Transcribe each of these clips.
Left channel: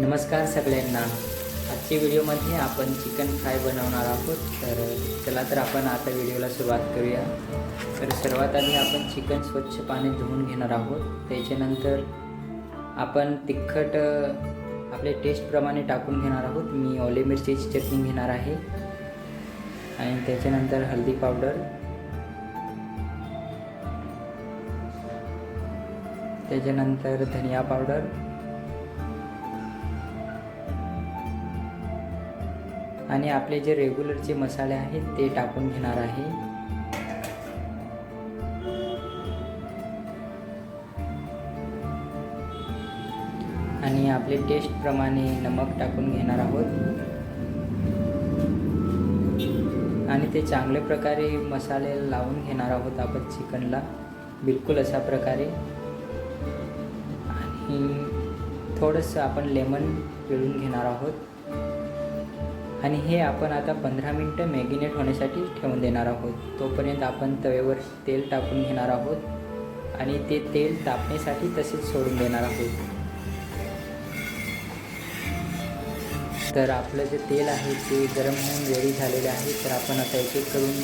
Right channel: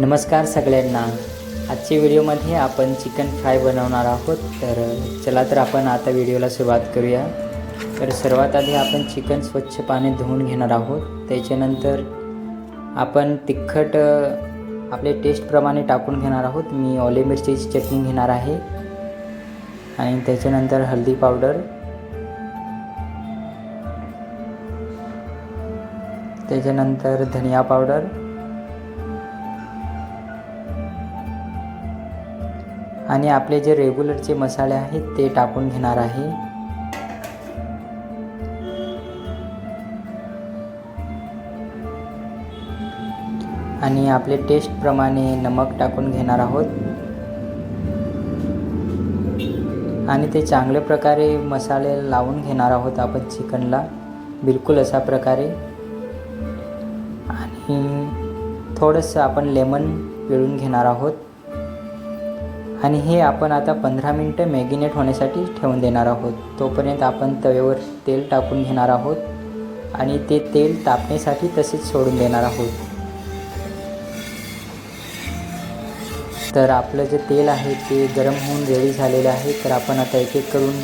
नमस्कार सगळ्यांना। आजच्या व्हिडिओमध्ये आपण चिकन फ्राय बनवणार आहोत। तर चला तर आपण आता व्हिडिओला सुरुवात करूया। तर सर्वात आधी आपण चिकन स्वच्छ पाण्यात धुवून घेणार आहोत। त्याच्यानंतर आपण तिखट आपले टेस्टप्रमाणे टाकून घेणार आहोत। मी ओले मिरचीची चटणी घेणार आहे आणि त्याच्यानंतर हळदी पावडर, त्याच्यानंतर धनिया पावडर आणि आपले जे रेग्युलरचे मसाले आहेत ते टाकून घेणार आहे। आणि आपले टेस्टप्रमाणे नमक टाकून घेणार आहोत आणि ते चांगल्या प्रकारे मसाले लावून घेणार आहोत आपण चिकनला, बिलकुल अशा प्रकारे। आणि थोडंसं आपण लेमन पिळून घेणार आहोत आणि हे आपण आता 15 मिनिटं मॅरिनेट होण्यासाठी ठेवून देणार आहोत। तोपर्यंत आपण तव्यावर तेल टाकून घेणार आहोत आणि ते तेल तापण्यासाठी तसेच सोडून देणार आहोत। तर आपलं जे तेल आहे ते गरम होऊन रेडी झालेले आहे। तर आपण आता एक एक करून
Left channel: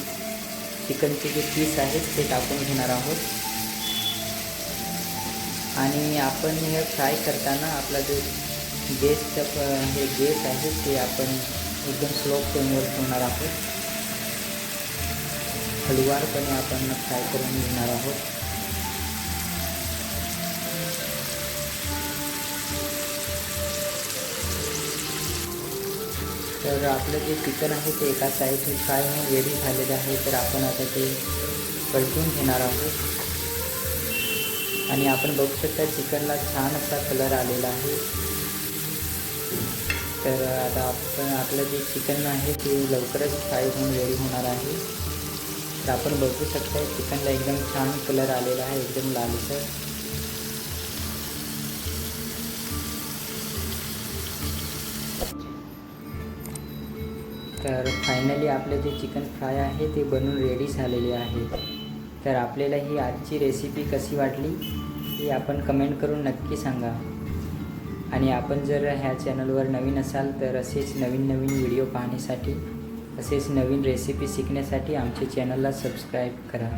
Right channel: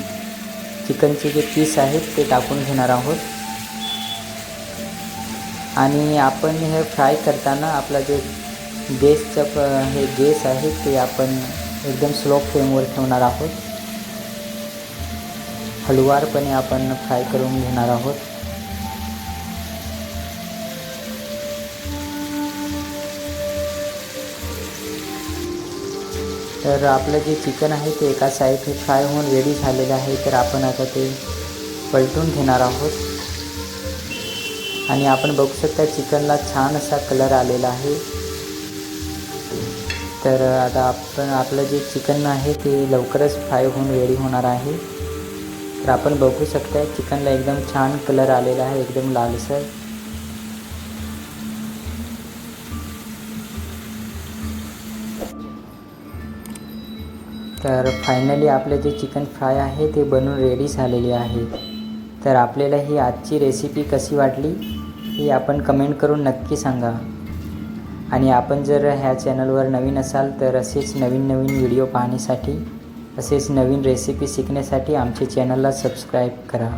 चिकनचे जे पीस आहेत ते टाकून घेणार आहोत आणि आपण हे फ्राय करताना आपला जो गॅसचं हे गॅस आहे ते आपण एकदम स्लो फ्लेमवर ठेवणार आहोत। हळूवारपणे आपण फ्राय करून घेणार आहोत। तर आपलं जे चिकन आहे ते एका साईडने फ्राय होऊन रेडी झालेलं आहे। तर आपण आता ते पलटून घेणार आहोत आणि आपण बघू शकता चिकनला छान असा कलर आलेला आहे। तर आता आपण आपलं जे चिकन आहे ते लवकरच फ्राय होऊन रेडी होणार आहे। तर आपण बघू शकता चिकनला एकदम छान कलर आलेला आहे, एकदम लालसर। तर फायनली आपलं जे चिकन फ्राय आहे ते बनवून रेडी झालेले आहे। तर आपल्याला ही आजची रेसिपी कशी वाटली ही आपण कमेंट करून नक्की सांगा। आणि आपण जर ह्या चॅनलवर नवीन असाल तर असेच नवीन व्हिडिओ पाहण्यासाठी, असेच नवीन रेसिपी शिकण्यासाठी आमच्या चॅनलला सबस्क्राईब करा।